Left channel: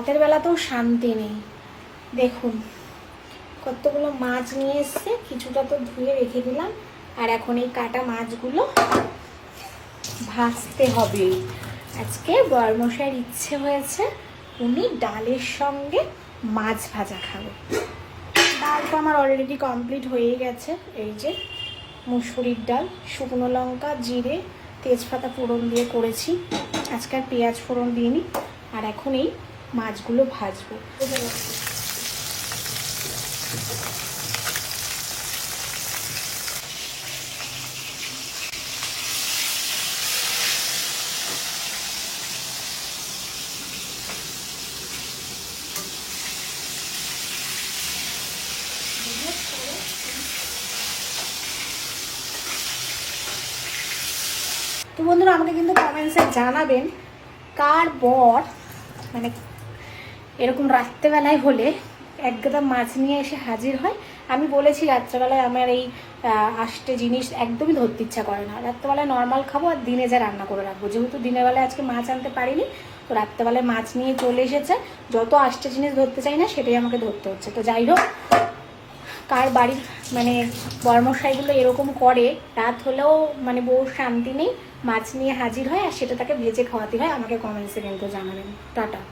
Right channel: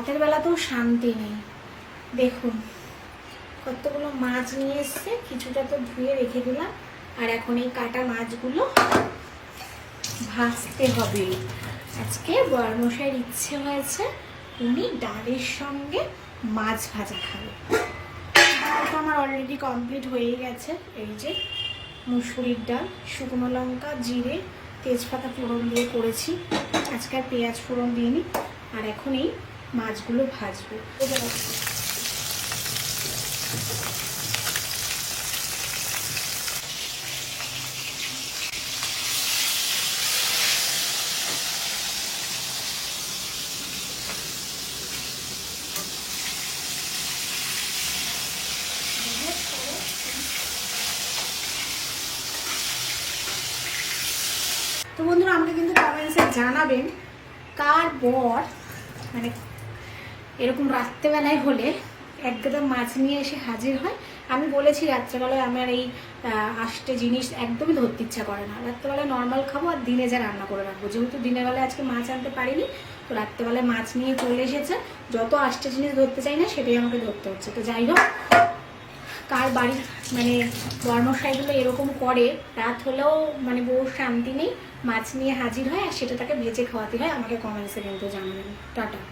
রাতের বেলাতেও শান্তি নেই। দেখুন কতগুলো মাছ নিয়ে এসছে, কিছুটা তো ধুয়ে রেখে দিলাম। আর এখন এই কাটা মাছগুলো ভাজতে হবে। আজকে বরমশাইয়ের ইচ্ছে হয়েছে উনি ডালের সঙ্গে মাছ ভাজা খাবে। ডালটা আমার অলরেডি কমপ্লিট হয়ে গেছে। এই যে মুসুরির ডাল, শুকনো লঙ্কা, জিরে, তেজপাতা ফোড়ন দিয়ে করেছি। আজকে আর পেঁয়াজ ফোড়ন দিইনি। আর এখন এই মাছগুলো ভাজবো। তো বন্ধুরা আমাকে কিন্তু কমেন্টসে জানাবেন কার বর মানে এরকম রাত্রেবেলায় হলে এক গাদা মাছ নিয়ে এসে হাজির হয়। আমি বলেছি রাত্রেবেলায় আমার এই আষ্টে জিনিস একদমই ধরতে ইচ্ছা করে না। রাত্রেবেলায় নর্মাল খাবো আর দিনে যা রান্না করে রাখবো। যেহেতু দিনের বেলায় আজকে মাছ আনতে পারিনি, তো রাত্রেবেলায় মাছ নিয়ে চলে এসেছে। যত আষ্টে জিনিস ধরতে চাই না সেটাই আমাকে ধরতে হচ্ছে। তো যাই হোক, কার বাড়ির মানে বর্মশাইগুলো এরকম করে রাত হলেও মানে বউ শান্তি নেই, মাছ নিয়ে হাজির হয় আর সেটা তাকে ভেজে খাওয়াতে হয়, আমাকে কমেন্টসে কিন্তু জানাবেন। টাটা।